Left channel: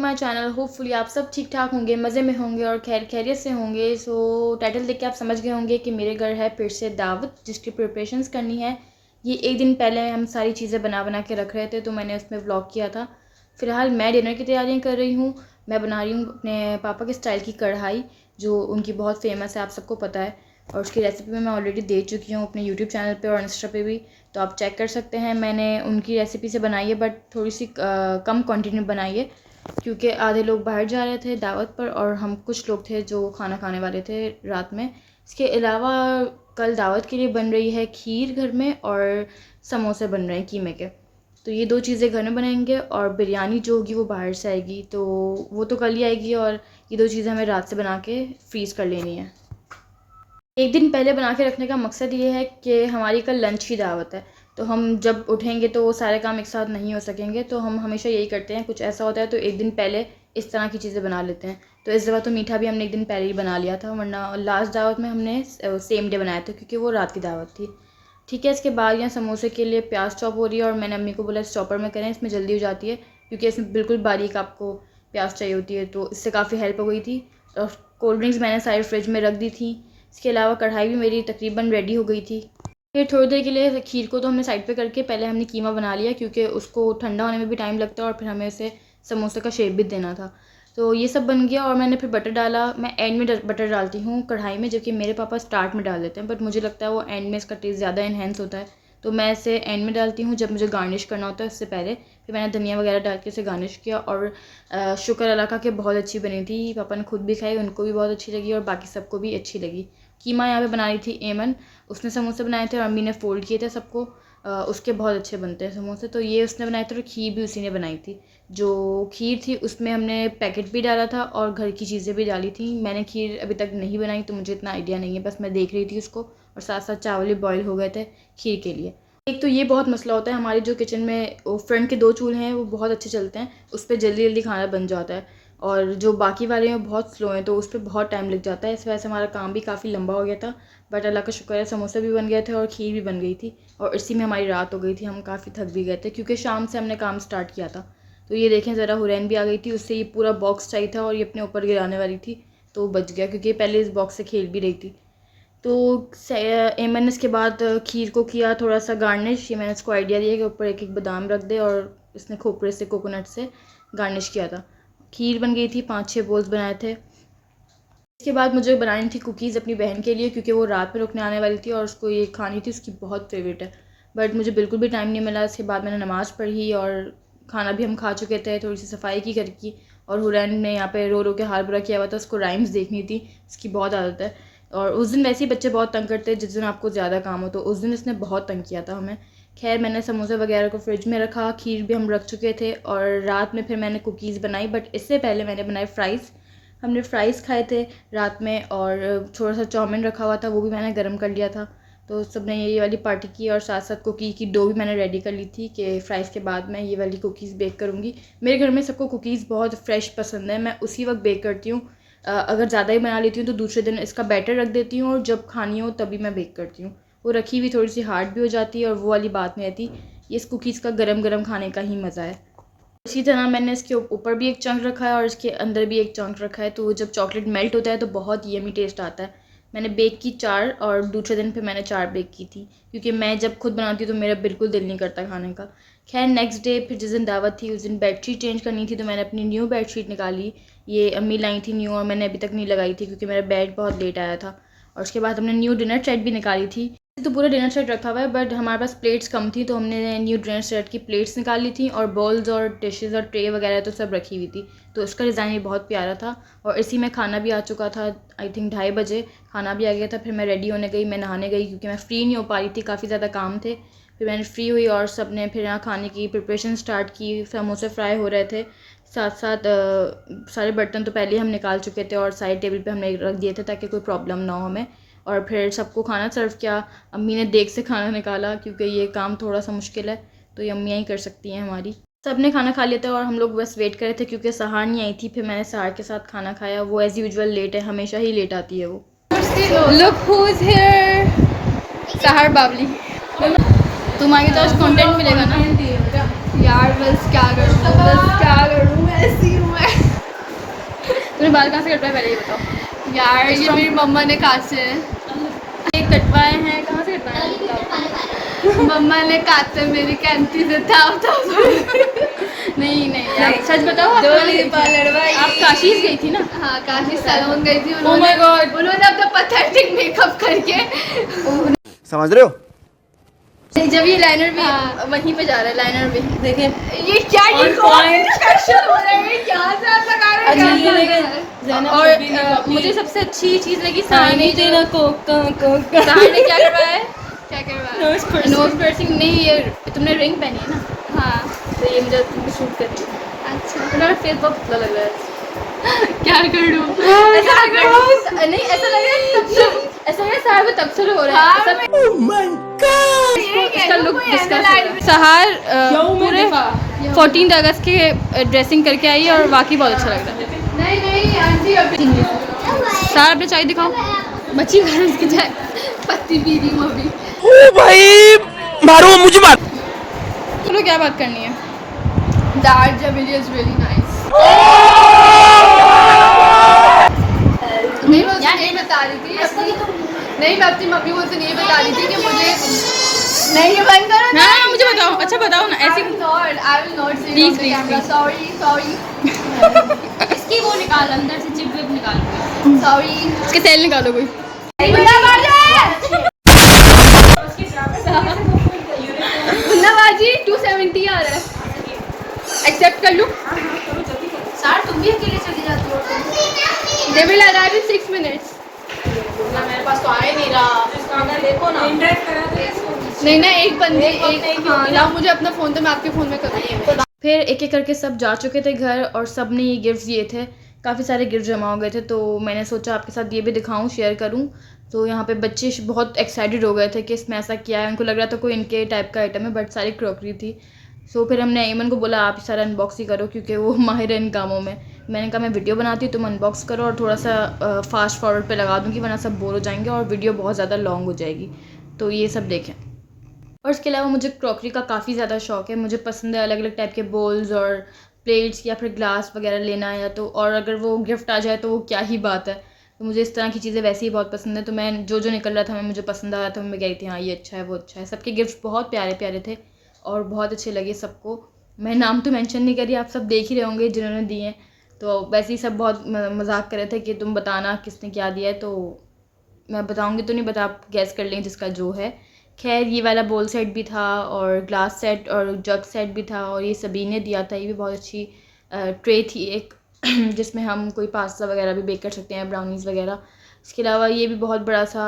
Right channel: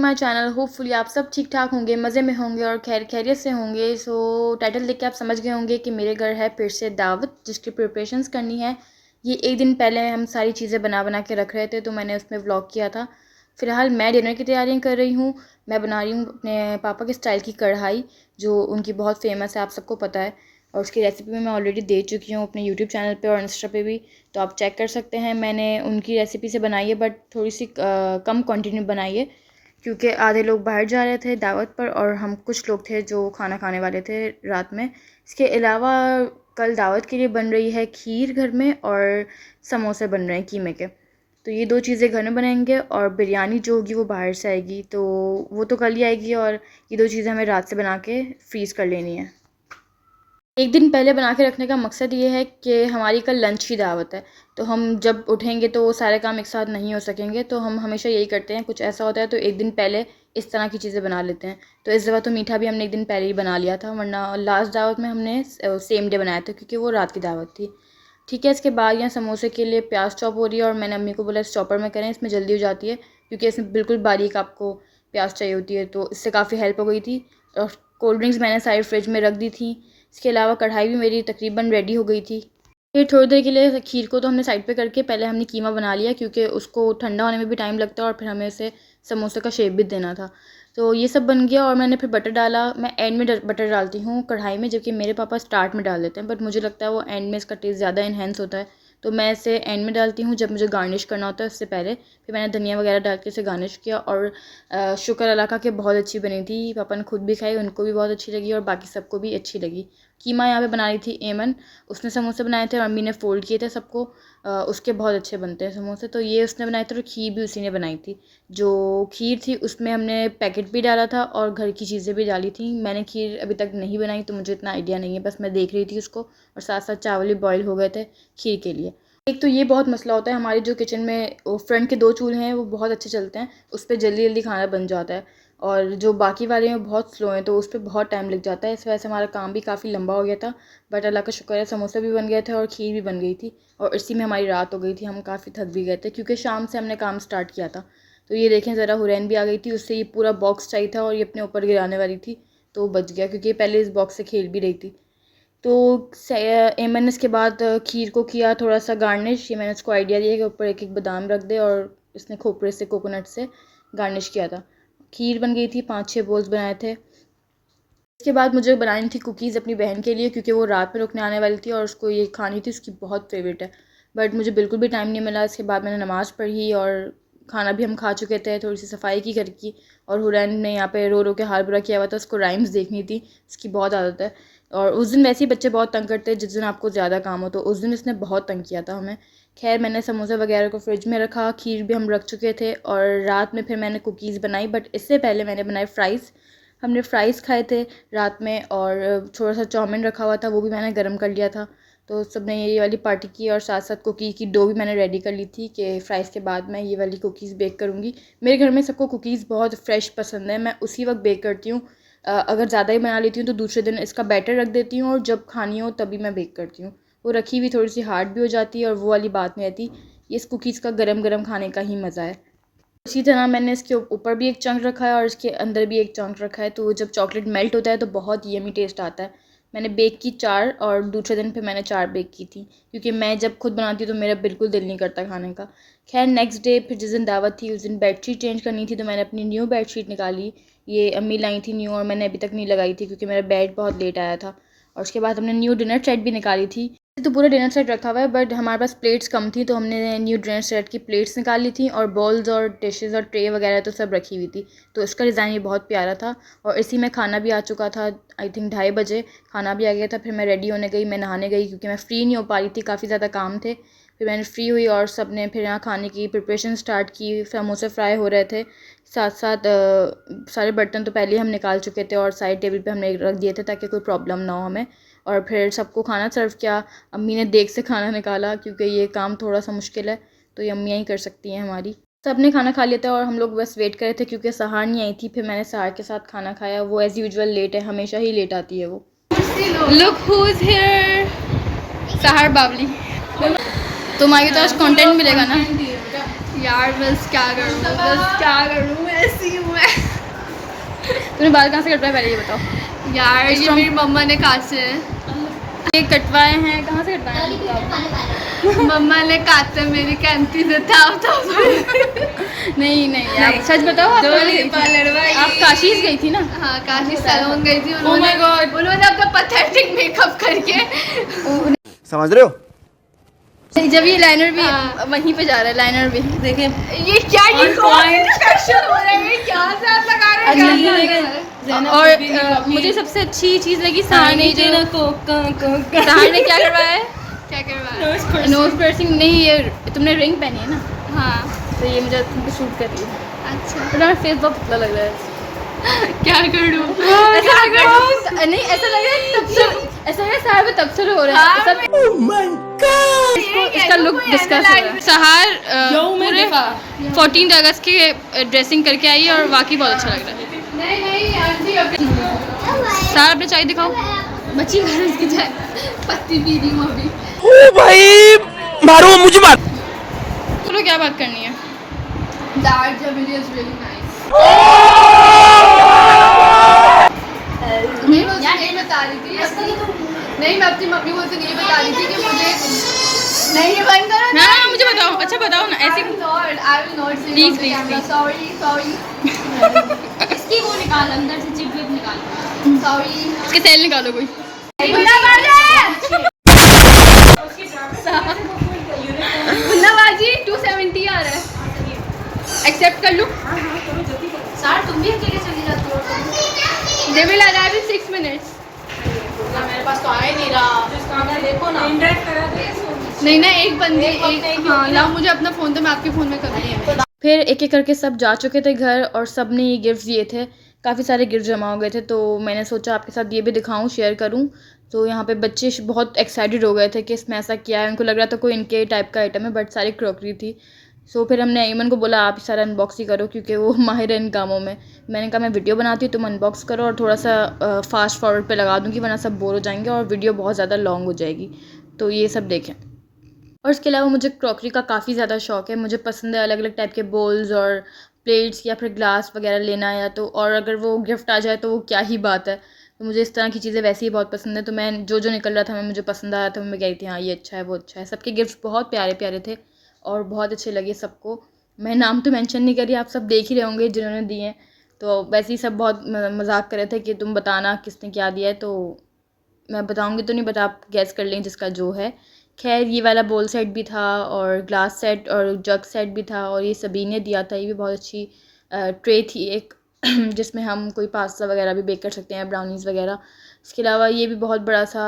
To my channel. Hopefully आप सब ठीक ठाक होंगे, मज़े में होंगे और खैरियत से होंगे। सो टाइटल देख के आप समझ गए होंगे कि मेरे घर है फिर से दावत, जिसकी प्रिपरेशंस करनी है। ये एक दिन पहले हम सारी चीज़ें बना के रख रहे थे, तो मैंने उसमें व्लॉग किया था। फ़िलहाल मैं डिनर की तैयारियाँ कर रही हूँ। मैं बना रही हूँ अपने पापा के स्टाइल की कढ़ाई, जो उनकी बहुत फेमस है, आप सबको पता है। और उसकी रेसिपी मैं ऑलरेडी दे चुकी हूँ अपने यूट्यूब चैनल पे और इंस्टा पे भी, तो आप चेक कर सकते हैं। मैंने उनकी रेसिपी से बनाई है, बट थोड़ी सी कम क्वांटिटी में बनाई है, क्योंकि आधे लोग बाहर जा रहे थे दावत पर और हम कुछ लोग थे जो खाना खाने वाले थे रात में। इसके अलावा कल दावत के लिए बन रही है खीर घर में, और समोसे बन रहे हैं कीमे के। तो ये 2 चीज़ें घर में बनाएंगे, और बिरयानी जो होगी वो बाहर से आएगी, तो वो तो कल ही आएगी। और ये 2 चीज़ें हमें रात से बना के फ्रीज़ कर लेनी है। एक दिन पहले बना के रखने का मकसद ये है कि हमारी कल लंच की दावत है, तो हम जब उठेंगे तो वो सारे काम एक साथ नहीं हो सकेंगे, तो हम हमेशा यही करते हैं। कुछ ऐसा होता है तो एक दिन पहले इस तरह की चीज़ें बना लेते हैं। तो इस दफ़ा तो मीठा भी हमने एक दिन पहले ही बना लिया था, वरना लास्ट दावत में हमने सेम डे बनाया था, क्योंकि वो रात की दावत थी। ठीक है, इसके बाद यहाँ समोसे के लिए प्याज चॉप हो रही है, और मैंने अम्मी को बोला इस चॉपर में करें, इसमें जल्दी हो जाती है, क्योंकि इसमें बिल्कुल बारीक आपको प्याज चाहिए होती है। तो इससे काफ़ी हेल्प हो गई थी। और कोल्ड ड्रिंक्स मैंने सारी फ्रिज में रख दी थी। इसके अलावा कढ़ाई भी मेरी तकरीबन रेडी हो गई थी। फिर थोड़ी देर के लिए खीर को तो हमने साइड पे करके पहले हमने कीमा बना लिया, क्योंकि उसको ठंडा होने में भी टाइम लगता है, और फिर हमें इसे समोसे का शेप भी देना था। तो ये सब बन गया, और मैंने फिर बटर डाला। मैं एंड में बटर डालती हूँ कढ़ाई में, जबकि मेरे पापा स्टार्ट में डाल देते हैं, बट मुझे लगता है वो एंड में इसका टेस्ट ज़्यादा इन्हेंस होता है। तो मैं इसे एंड में डालती हूँ, जब मुझे गार्निश करना होता है उससे पहले। फिर मैंने धनिया वगैरह डाल के इसे गार्निश किया, और शुक्र अल्लाह का कि बहुत अच्छी बनी थी। पापा ने खुद भी खाई, उनको भी बहुत अच्छी लगी और बाकी सबको भी अच्छी लगी। कीमा यहाँ पे बना रही थी एमन, उसने समोसे बनाए थे और अम्मी ने फ़ोल्ड किए थे सबको। उसके बहुत अच्छे बनते हैं समोसे, तो ये उसने बनाए थे, और खीर भी उसी ने बनाई थी। जो खीर थी उसमें हमने पैकेट भी डाला था और घर की चीज़ें भी डाली थी। मैंने खीर अभी तक नहीं बनाई, तो मुझे इतना आइडिया नहीं है, बस मैं देख रही थी उसको, और साथ साथ चावल भी बॉयल हो गए थे खीर के लिए। एक तो ये बहुत मसला होता है हमारे जो किचन में फ्रंट के 2 चूल्हे हैं, वो बहुत अच्छे चलते हैं, उस पर जल्दी जल्दी खाना बन जाता है। और जो बाकी वाले हैं बहुत स्लो हैं, तो उस पर बहुत टाइम लग जाता है। इस वजह से हमारा काम भी काफ़ी लंबा हो गया था। बट अल्लाह का शुक्र है, समोसे भी बन गए थे और खीर भी बन गई थी, और इसी में हमारी रात हो गई थी। हम काफ़ी थक भी गए थे, क्योंकि शाम से हमने काम स्टार्ट किया था। तो ये देखें ज़रा, हुरैन भी आ गई थी, उससे ये पूरा बॉक्स चाहिए था और ये अपने ऊपर गिराने वाली थी, तो बच गया, क्योंकि पहले इस बॉक्स से खेल भी रही थी। तो मैंने इसके बाद खीर को किया थोड़ा सा गार्निश। ये मैंने उसको आइडिया दिया कि ऊपर एक एक बादाम रख दे, और इसने खोपरे से, कोकोनट से गार्निश किया था। खीर बन गई थी, 5-6 बोल्स बनाए थे। इसके बाद मुझे बनानी थी कुकीज़ अपनी बहन के लिए, क्योंकि वो रात में रुकने आने वाली थी और उसको ये खानी थी, उसकी बहुत फेवरेट है। बट मुझे बिल्कुल भी टाइम नहीं मिला। इसके बाद मैंने नमाज़ पढ़ी, और खाना भी हम खा चुके थे, थोड़ी सी सफाई की घर की। और हुरैन ने यहाँ पे रो रो के हाल बुरा किया हुआ था, उसको राइम्स देखनी थी, उसकी बहुत आदत है। और उस दिन वैसे ही बच्चे बहुत तंग करते हैं, जिस दिन आपको ज़्यादा काम हो, तो उस दिन इसने बहुत तंग किया था हमें। खैर, मैंने समोसे वगैरह को फ्रिज में रखा, खीर भी हम रख चुके थे, और रात में फिर मैंने कुकीज़ बनाई। बट इससे पहले मैंने बनाए फ़्राइज़। हमने फ़्राइज़ खाए थे रात में, और थोड़ा सा चाउमीन रखा हुआ था, वो भी मैंने गर्म कर लिया था। तो सब ने ये वाली पार्टी की, और साथ साथ कुकीज़ की डो भी मैंने रेडी कर ली थी कि फ़्राइज़ के बाद मैं ये वाली कुकीज़ बेक करूँगी। मेरे घर में सबको कुकीज़ बहुत फ्रेश पसंद है, मैं उसी वक्त बेक करती हूँ। अगर ज़्यादा ही बना लेती हूँ तो दूसरे दिन इसका बैटर रख देती हूँ, और जब खानी हो तभी मैं बेक करती हूँ। वो रखी हुई थोड़ी सी हार्ड भी हो जाती है, और वो वाली बात नहीं आती। इस कुकीज़ का गरम गरम खाने का ही मज़ा है। इसी तरह मैंने इसके ऊपर भी एक चंक रखा है, और इसके अंदर भी एक चंक रखा है, तो जब चॉकलेट मेल्ट होता है तो बहुत यमी टेस्ट आता है। मैंने बेक की 4, और दूसरे दिन फिर मैंने 4 बेक की थी, क्योंकि मैं जब खुद बनाती हूँ तो मेरा बिल्कुल दिल नहीं करता खाने का। खैर, नेक्स्ट डे फिर जिस दिन दावत थी उस दिन बेडशीट चेंज करनी थी, तो मैंने अपनी न्यू बेडशीट निकाली। ये अम्मी लाई थी न्यू, और मैंने अभी तक नहीं लगाई थी, क्योंकि मेरा बेड बहुत लेट आया था। और उसके बाद हमने न्यू डिनर सेट भी निकाली थी। तो पूरा डिनर सेट रखा हुआ है, बट हमारे पास प्लेट्स कम थी, तो हमने न्यू डिनर सेट की प्लेट्स निकाल ली थी, और बॉल्स और डिशेस और ट्रे वगैरह तो सब रखी हुई थी। तो उसका डिज़ाइन ये बहुत प्यारा था, और इसी में खाना भी आ चुका था। आई थिंक 2:30 बजे खाना भी आ गया था। फिर मैं रेडी होने गई, मैं नहाने गई, क्योंकि मैं फ़्री नहीं हो पा रही थी, काफ़ी ज़्यादा काम थे। फिर मैंने फ़्री हुई, और सब ने फिर यहाँ खाने की प्रिपरेशन स्टार्ट की। समोसे फ्राई हो रहे थे, साथ साथ सारे बर्तन तो पहले ही हम निकाल चुके थे, और साइड टेबल पे हमने रख दिए थे, ताकि कोई प्रॉब्लम ना हो हमें। और फिर सबको खाना सर्व किया। अम्मी ने देग से खाना निकाला, क्योंकि ये काम थोड़ा सा मुश्किल है, तो ये अम्मियाँ ही कर सकती हैं हमारी। सब ने खाना खा लिया था, और हम लोग बस वेट कर रहे थे, क्योंकि सहार नहीं आई थी। फिर मैंने सहार के साथ खाना खाया। वो एज़ यूजुअल लेट है, हमेशा ही लेट आती है वो। Look who's here. सहर बावली। तुम्हारी तो आज कंटेंट मिलेगा ना यार बस क्या करूँ, ऐसी हूँ मैं। तूने बाल कहाँ से कटवाए पहले ये बताओ। यार ये मेरी मम्मा ने काटे हैं। ये कटवाए हैं कहाँ से कटवाए हैं? मम्मा ने काटे मेरी कैंटी से था तो नहीं नहीं सच बताओ आप आप काशी गई थी ना? हाँ काफी सैलून गई थी Oh my God. उन्होंने अपना पथेटिक मेकअप करके समझ रहे हो? जब ये लाइनर भी हाँ। वहीं पे जा रहा है, लाइनर भी देखे। ये क्या ये On कौन point. इंस्पेक्शन हो रहा है क्या से आप लगा रहे अच्छा, हैं ये क्या देखे। और मुझे सबसे अच्छी चीज़ लगी सहानी ने क्या करवाया है? क्या करवा नोज पर्सिंग नहीं, ये तुमने रिंग पहनी है ना, हाँ तो ये मुझे तुमको शूट कर रही है। अच्छा तुम्हारा फेस बहुत पतला लग रहा है। क्या करूँ ऐसा लग रहा है नहीं, ऐसा लग रहा है तब से, ऐसा लग रहा है सारे तब से हो रहा है। ऐसा- इसका look discuss हो रहा है। सहार पूरे 14 अगस्त के ड्रेसिंग करके आई है और वाकई बहुत अच्छा लग रहा है। नहीं नहीं आंटी अभी सहार अपने चाय दिखाओ। मच्छी घर इसकी जाए पत्ती पी रही हूँ अभी। ओ भाई मारो मुझे मार। चलो क्या बात करनी है? That video is really nice. मैं उसे नहीं बता रही थी नहीं, मैं अपनी मम्मी को उसे नहीं बता रही थी कि मुझे नहीं, ये बंद करो ना। हाँ मुझे बताओ, अच्छा बताओ ना ऐसे। I will not say Please, on the please, camera. please. Sorry. इसकी वो निकाल, अंदर से चिप विप निकाल। Sorry. इसके सेल निकालो कोई। मुन्नाबाजी 270 आ रहा है, एक्सेप्ट कर लूँ? सर तुम भी अकेले चली जाती हो? They will arrive in 6 minutes. मेरे पास तो आ ही नहीं रहा, देखो ना। नहीं ना एक बंदी एक हाँ लाओ मुझे अपना फ़ोन तो मैं आपके फ़ोन में करूँगी। फिर एक एक करके सब जा चुके थे घर और सब ने ये गिफ्ट दिए थे। काफ़ी सारे गिफ्ट जमा हो गए थे, तो मैंने सोचा आपके साथ ये भी दिखाऊं, शेयर करूं। तो यहाँ पे बच्चे बहुत एक्साइटेड हो गए थे कि इसमें ऐसा क्या है। उनको लग रहा था कोई इनके टाइप का आइटम है, बट सारी क्रॉकरी थी। सो फिर हमने ईमन को बोला आप सारा अनबॉक्स ही करो, क्योंकि वो माहिर है इन कामों में। मैंने कहा मैं वीडियो बनाती हूँ, तुम अनबॉक्स करो और थोड़ा सा फास्ट फॉरवर्ड पे लगा दूँगी, वरना सब बोर हो जाएंगे और वीडियो बहुत ज़्यादा लॉन्ग हो जाएगी। तो ये सब देखें। और इसके अलावा मुझे क्रॉकरी का काफ़ी ज़्यादा शौक है। मुझे पसंद है अलग अलग टाइप के बोल्स और प्लेट्स या फिर ग्लास वगैरह लेना, या तो और अगर वो गिफ्ट आ जाए तो वो क्या ही बात है। तो मुझे इस तरह की चीज़ें वैसे ही बहुत पसंद है। तो मैं जो जो निकल रहा था मैं मुझे पसंद आया था, मैं कह रही थी हाँ ये अच्छा है वो अच्छा है। सबके गिफ्ट बहुत प्यारे प्यारे थे और बहुत अच्छे लगे सबको। मैं नाम तो मेंशन नहीं करी, आप सब देख ही रहे होंगे जिन्होंने दिए हैं। तो वैसे ही सब बहुत मजाक कर रहे थे कि तुम बताना किसने क्या दिया है। तो मैं बताऊंगी तो नहीं, बता आप गैस कर लें जिसका जो है। खैर ये वाला बोल सेट भी था और ग्लास सेट और जग सेट भी था, और ये सभी ने दिया था। ये भी बहुत अच्छी ट्रे थी एक जिसमें हम कोई पास्ता वगैरह भी बेक कर सकते हैं, ब्राउनीज़ वगैरह। इसके अलावा ये भी बहुत बड़ा सा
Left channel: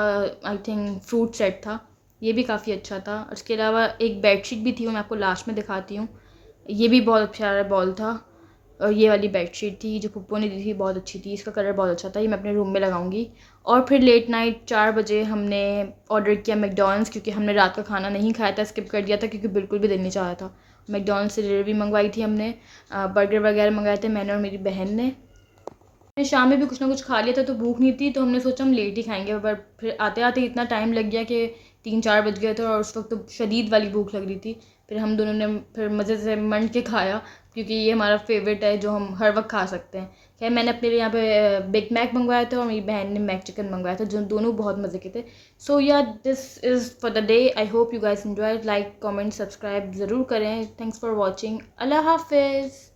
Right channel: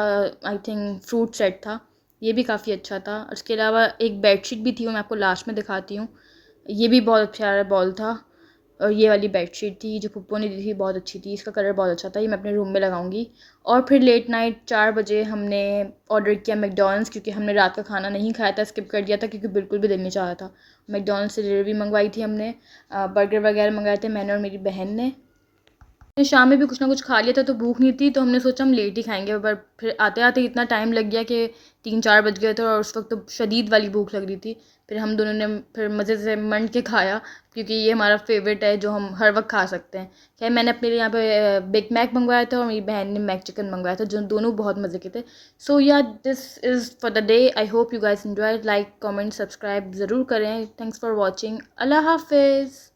आई थिंक फ्रूट सेट था, ये भी काफ़ी अच्छा था। और इसके अलावा एक बेडशीट भी थी, वो मैं आपको लास्ट में दिखाती हूँ। ये भी बहुत प्यारा बॉल था। और ये वाली बेडशीट थी जो पुप्पो ने दी थी, बहुत अच्छी थी, इसका कलर बहुत अच्छा था। ये मैं अपने रूम में लगाऊंगी। और फिर लेट नाइट 4 बजे हमने ऑर्डर किया मैकडॉनल्ड्स, क्योंकि हमने रात का खाना नहीं खाया था, स्किप कर दिया था क्योंकि बिल्कुल भी दिल नहीं चाह रहा था। मैकडॉनल्ड्स से डिलीवरी मंगवाई थी हमने, बर्गर वगैरह मंगाए थे मैंने और मेरी बहन ने। शाम में भी कुछ ना कुछ खा लिया था तो भूख नहीं थी, तो हमने सोचा हम लेट ही खाएंगे। पर फिर आते आते इतना टाइम लग गया कि 3-4 बज गए थे और उस वक्त तो शदीद वाली भूख लग रही थी। फिर हम दोनों ने फिर मज़े से मंड के खाया, क्योंकि ये हमारा फेवरेट है जो हम हर वक्त खा सकते हैं। खैर मैंने अपने लिए यहाँ पे बिग मैक मंगवाया था और मेरी बहन ने मैक चिकन मंगवाया था, जो दोनों बहुत मज़े के थे। सो या this is for the day. I hope you guys enjoy. Like comment subscribe ज़रूर करें। Thanks for watching. अल्लाह हाफिज़।